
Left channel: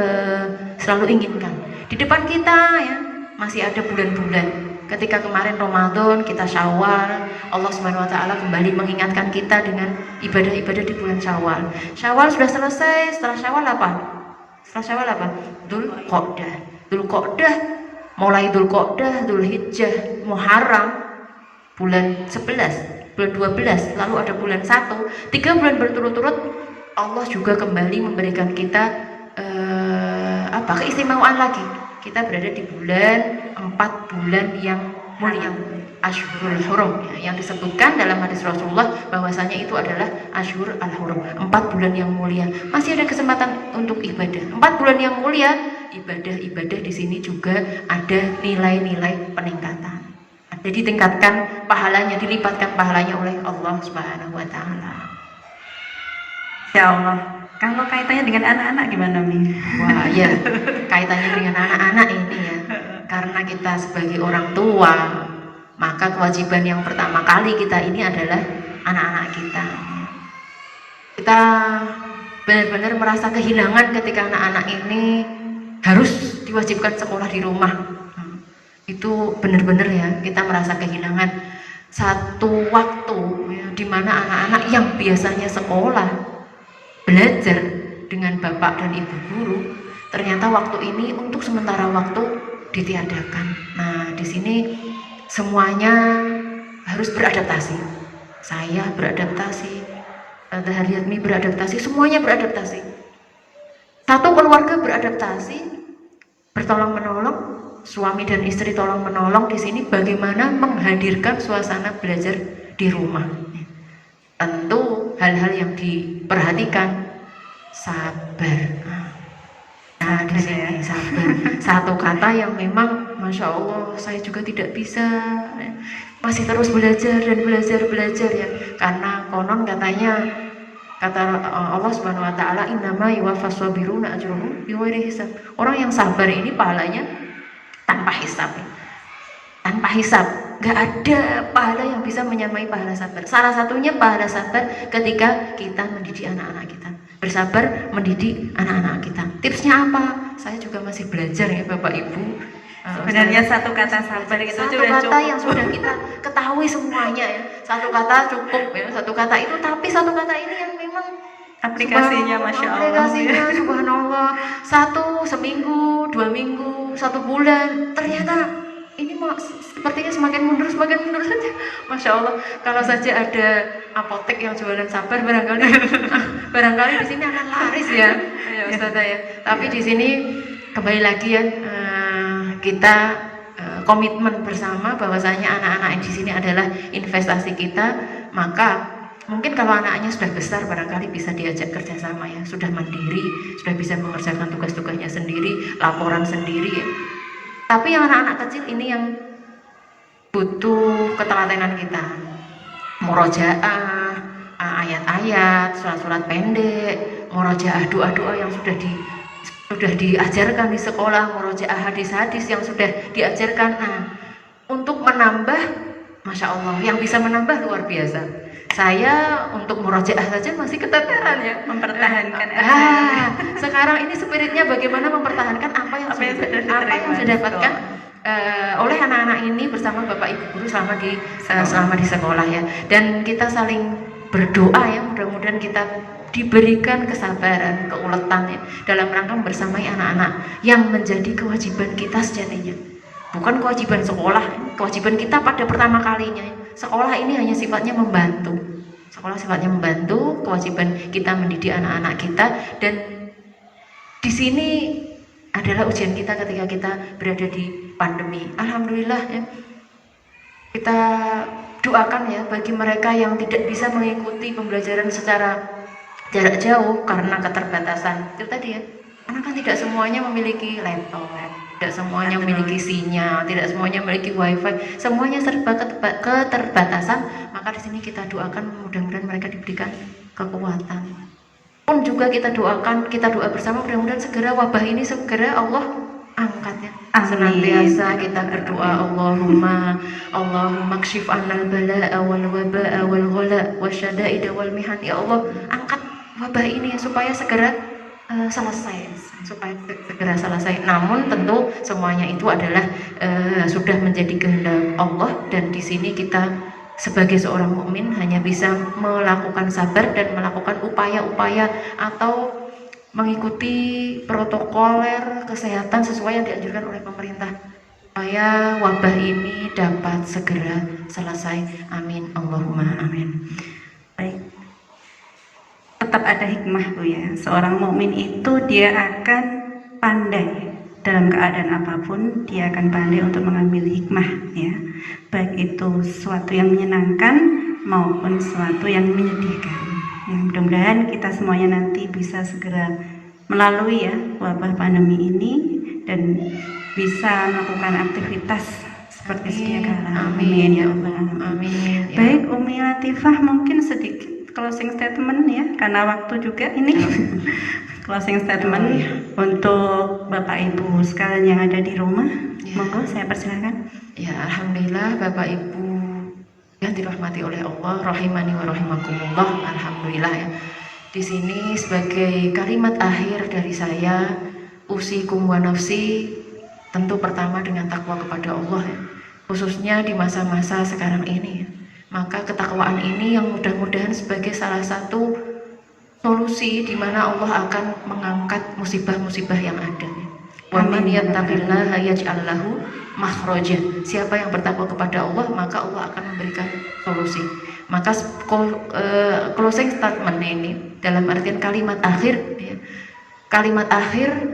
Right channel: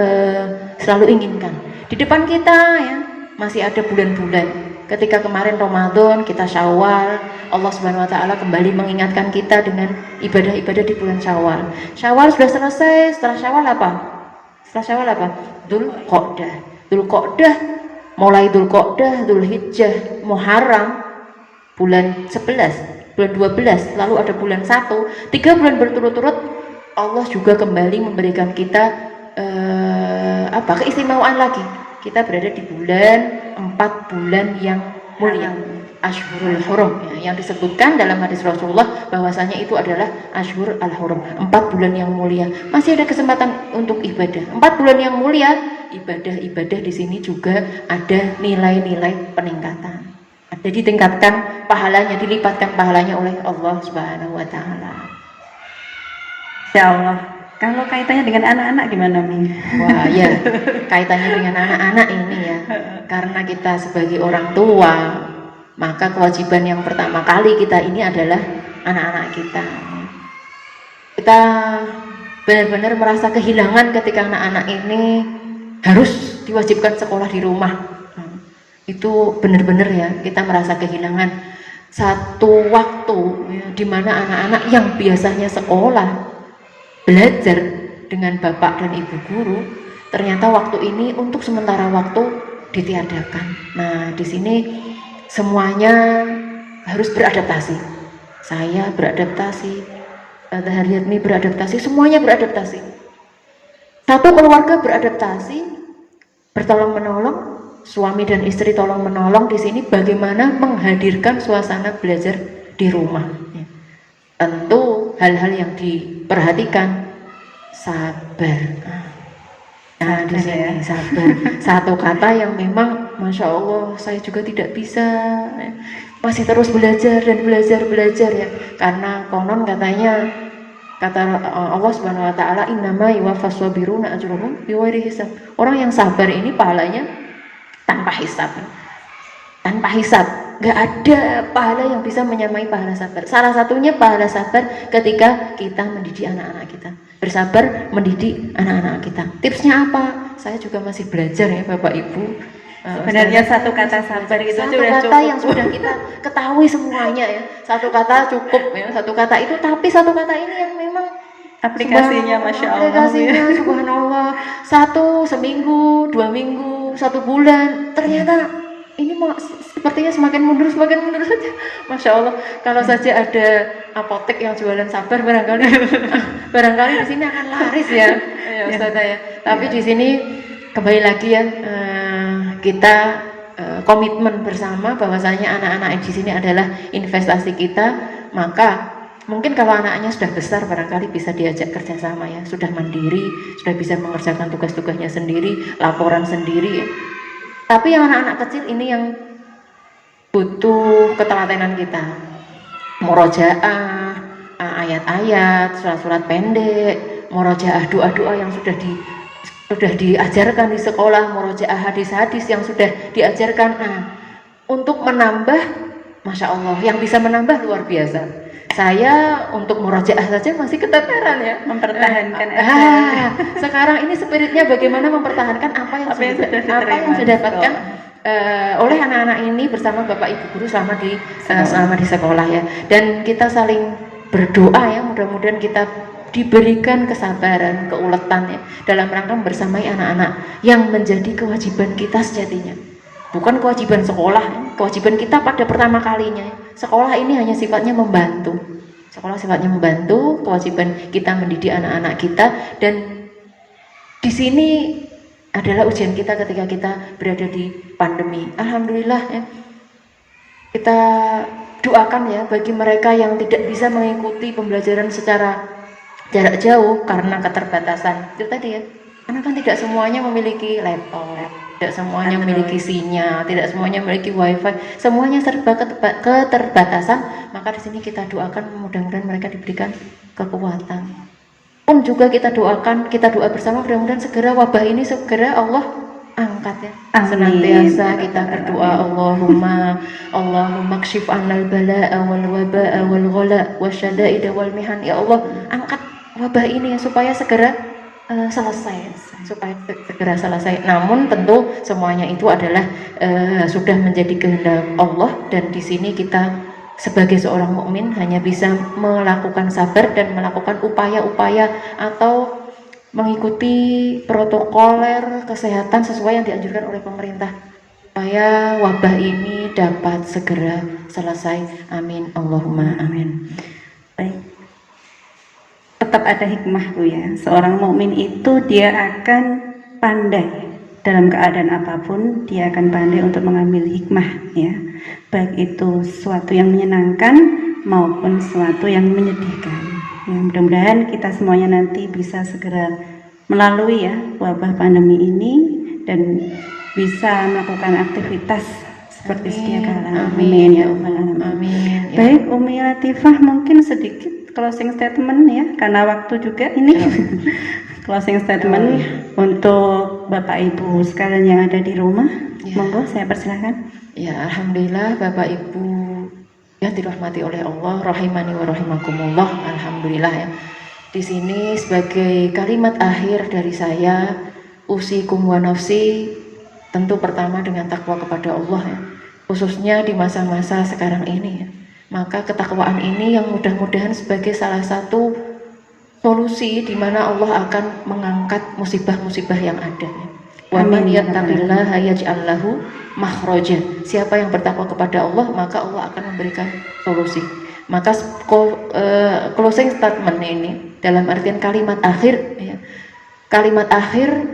inginkan. Di depan kita ya masih ada bulan-bulan. Ketika kemarin Ramadan kita Syawal, Allah Subhanahu wa taala kembali mengingatkan kita dengan ibadah-ibadah di bulan Syawal. Syawal sudah selesai, setelah Syawal apa? Dzulqa'dah, mulai Dzulqa'dah, Dzulhijjah, Muharram, bulan 11, bulan 12, lalu ada bulan 1, 3 bulan berturut-turut Allah juga kembali memberikan kita keistimewaan lagi. Kita berada di bulan 4 bulan yang mulia, Ashhurul Hurum, yang disebutkan dalam hadis Rasulullah bahwasanya itu adalah Ashhur al-Hurum, 4 bulan yang mulia. Masih ada kesempatan untuk ibadah. 4 bulan yang mulia, ibadah di sini juga ada nilai-nilai peningkatan. Ada ditingkatkan pahalanya, dilipatkan pahalanya oleh Allah Subhanahu wa taala. Ya Allah. Kalau kaitannya dengan anak-anak gimana nih? Wah ya, kaitannya dengan anak-anak ini ya. Karena kita sebagai orang tua, maka kewajiban yang pertama kali kita ini adalah anak-anak kita. Kita benar-benar merasa kehilangan ketika anak-anak ini harus diwajibkan sekolah di rumah. Itu benar-benar ya, kita merasa kehilangan satu waktu ya, di mana anak-anak yang biasanya sekolah belajar dengan bapak dan ibu guru, ternyata waktu ini untuk sementara waktu ditiadakan. Nah, di sini semuanya harus beradaptasi. Saya beradaptasi, Haryatmi beradaptasi, semuanya beradaptasi. Satu keluarga beradaptasi, bertolong menolong, suami dan istri tolong menolong di sini bagaimana menghadirkan suasana belajar di rumah. Tentu hal-hal yang diperhatikan, sabar. Nah, di sini sabar. Satu kata yang memang Masya Allah saya juga tidak bisa, masih terus belajar dan belajar ya. Karena konon katanya, kata Allah Subhanahu wa taala, innama yuwaffas sabiruna ajruhum bighairi hisab. Orang yang sabar ini pahalanya tanpa hisab. Tanpa hisab, gak ada pahala yang bisa menyamai pahala sabar. Salah satunya pahala sabar ketika kita mendidik anak-anak kita, bersabar mendidik anak-anak kita. Tipsnya apa? Saya juga masih belajar ya Bapak Ibu. Sebenarnya satu kata sabar itu satu sudah kata cukup. yang sudah kita ketahui semuanya ya. Satu kata cukup ya, satu kata itu. Tapi satu kata ini yang memang aplikasinya Masya Allah. Aplikasinya Subhanallah. Satu seminggu, 2 minggu, 1 bulan, ternyata ini sepertinya semakin mundur saja. Masya Allah. Kalau saja ada apotek yang jualan sabar, barangkali di sini akan laris ya, Ustazah ya. Tapi di sini kembali lagi ya, kita komitmen bersama bahwasanya anak-anak di sini adalah investasi kita. Maka mungkin kalau anaknya sudah besar barangkali bisa diajak kerjasama ya, sudah mandiri, sudah bisa mengerjakan tugas-tugasnya sendiri, laporan sendiri ya. Tapi yang anak-anak kecil ini yang butuh ketelatenan kita, murojaah, ayat-ayat, surat-surat pendek, murojaah doa-doa yang sudah diajarkan di sekolah, murojaah hadis-hadis yang sudah diajarkan. Nah, untuk menambah, Masya Allah, yang bisa menambah luar biasa. Saya untuk murojaah saja masih keteteran ya, mempertahankan. Sekarang ini spiritnya bagaimana mempertahankan apa yang sudah didapatkan oleh anak-anak ini bersama Bapak Ibu guru selama di sekolah ya. Dan kita saling berdoa ya, mudah-mudahan kita diberikan kesabaran, keuletan ya, dalam rangka bersamai anak-anak yang menjadi kewajiban kita sejatinya. Bukan kewajiban sekolah, kewajiban kita pada pertama kalinya. Sekolah ini hanya sifatnya membantu. Sekolah sifatnya membantu, kewajiban kita mendidik anak-anak kita, dan di sini adalah ujian kita ketika kita berada di pandemi. Alhamdulillah ya, kita doakan ya bagi mereka yang tidak bisa mengikuti pembelajaran secara jarak jauh karena keterbatasan. Itu tadi ya, karena kan tidak semuanya memiliki laptop, tidak semuanya memiliki sinyal, tidak semuanya memiliki wifi, semuanya serba keterbatasan. Maka di sini kita doakan mudah-mudahan mereka diberikan kekuatan. Pun juga kita doakan, kita doa bersama mudah-mudahan segera wabah ini segera Allah angkat ya. Senantiasa kita berdoa Allahumma kshif annal bala'a wal waba'a wal ghala wasyada'ida wal mihan. Ya Allah, angkat wabah ini ya, supaya segera selesai. Namun tentu semuanya itu adalah sudah menjadi kehendak Allah, dan di sini kita sebagai seorang mukmin hanya bisa melakukan sabar dan melakukan upaya-upaya atau mengikuti protokoler kesehatan sesuai yang dianjurkan oleh pemerintah supaya wabah ini dapat segera selesai. Amin, Allahumma amin. Baik, tetap ada hikmah Bu ya. Seorang mukmin itu dia akan pandai dalam keadaan apapun, dia akan pandai untuk mengambil hikmah ya, baik itu sesuatu yang menyenangkan maupun sesuatu yang menyedihkan ya. Mudah-mudahan kita semuanya nanti bisa segera melalui ya wabah pandemi ini dan bisa melakukan aktivitas seperti sedia kala. Amin ya Allah. Amin. Baik, Umi Latifah, mungkin sedikit closing statement ya, karena waktu juga ini. Closing statement untuk Bapak Ibu sekalian yang ada di rumah. Monggo saya persilahkan. Ya, alhamdulillah Bapak Ibu yang dirahmati oleh Allah, rahimani wa rahimakumullah. Alhamdulillah ya. Di sini sebagai kalimat akhir dari saya, usikum wa nafsi, tentu pertama dengan takwa kepada Allah ya. Khususnya di masa-masa sekarang ini ya. Maka ketakwaan ini yang mudah-mudahan sebagai salah satu solusi di mana Allah akan mengangkat musibah-musibah yang ada. Wa man yattaqillaha yaj'al lahu makhrajan. Siapa yang bertakwa kepada Allah, maka Allah akan memberikan solusi. Maka closing statement ini dalam artian kalimat akhir ya. Kalimat akhir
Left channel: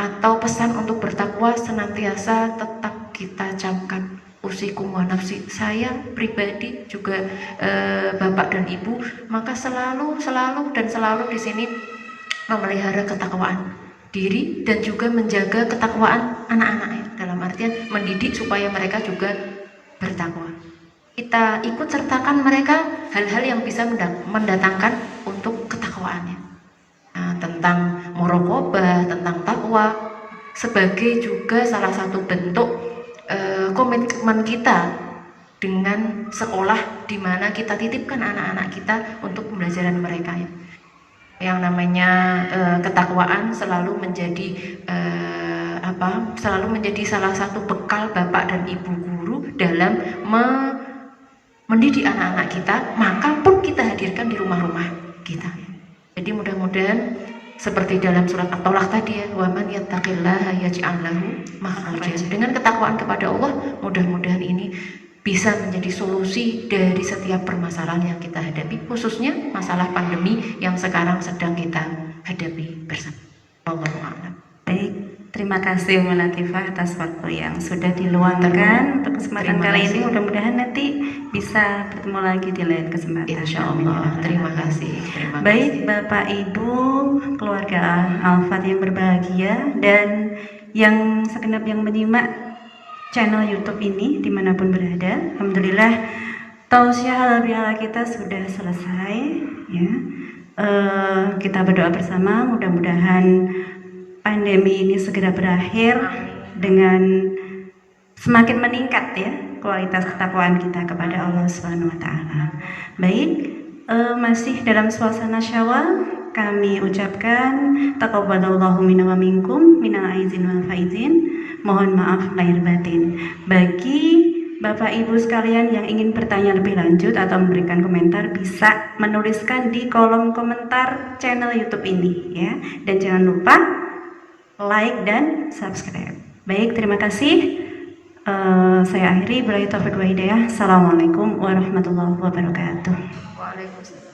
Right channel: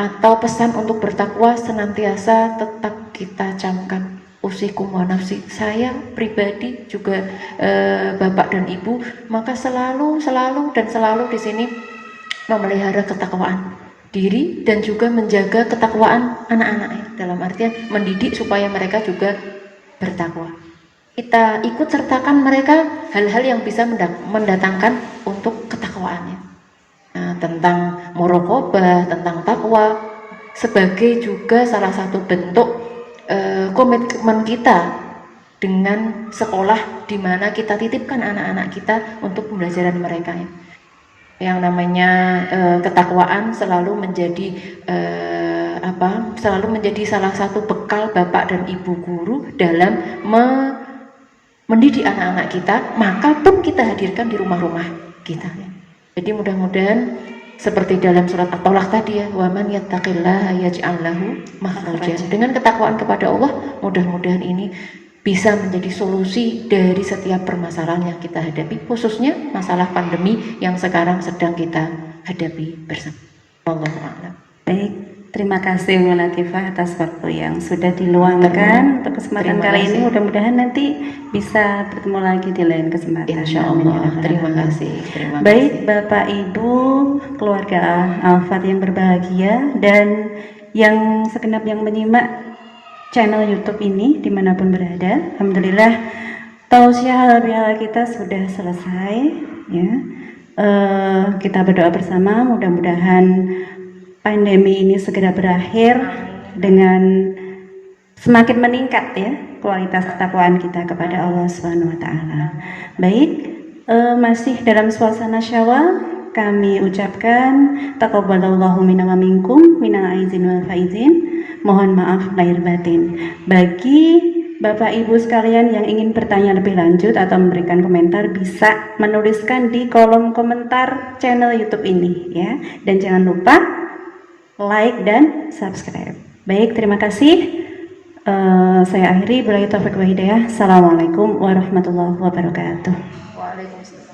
atau pesan untuk bertakwa senantiasa tetap kita camkan. Usikum wa nafsi, saya pribadi juga Bapak dan Ibu, maka selalu di sini memelihara ketakwaan diri dan juga menjaga ketakwaan anak-anaknya, dalam artian mendidik supaya mereka juga bertakwa. Kita ikut sertakan mereka hal-hal yang bisa mendatangkan untuk ketakwaannya. Nah, tentang muraqabah, tentang takwa sebagai juga salah satu bentuk komitmen kita dengan sekolah di mana kita titipkan anak-anak kita untuk pembelajaran mereka ya. Yang namanya ketakwaan selalu menjadi salah satu bekal Bapak dan Ibu guru dalam mendidik anak-anak kita, maka pun kita hadirkan di rumah-rumah kita ya. Jadi mudah-mudahan seperti dalam surat At-Tolak tadi ya, wa man yattaqillaha yaj'al lahu makhrajan. Dengan ketakwaan kepada Allah, mudah-mudahan ini bisa menjadi solusi dari setiap permasalahan yang kita hadapi, khususnya masalah pandemi yang sekarang sedang kita hadapi bersama. Wallahu a'lam. Baik, terima kasih Umi Latifah atas waktu yang sudah diluangkan untuk kesempatan kali ini. Mudah-mudahan nanti bisa bertemu lagi di lain kesempatan. Insyaallah. Terima kasih. Baik, Bapak Ibu, keluarga Al-Fat yang berbahagia dan yang segenap yang menyimak channel YouTube ini dimanapun berada, alhamdulillah tausiah halal bihalal kita sudah selesai ya. Kita berdoa bersama, mudah-mudahan pandemi ini segera berakhir dengan semakin meningkat ya kualitas ketakwaan kita kepada Allah Subhanahu wa taala. Baik, masih dalam suasana Syawal, kami ucapkan taqabbalallahu minna wa minkum minal aizin wal faizin. Mohon maaf lahir batin. Bagi Bapak Ibu sekalian yang ingin bertanya lebih lanjut atau memberikan komentar bisa menuliskan di kolom komentar channel YouTube ini ya. Dan jangan lupa like dan subscribe. Baik, terima kasih. Saya akhiri. Billahi taufiq wa hidayah. Assalamualaikum warahmatullahi wabarakatuh. Waalaikumsalam.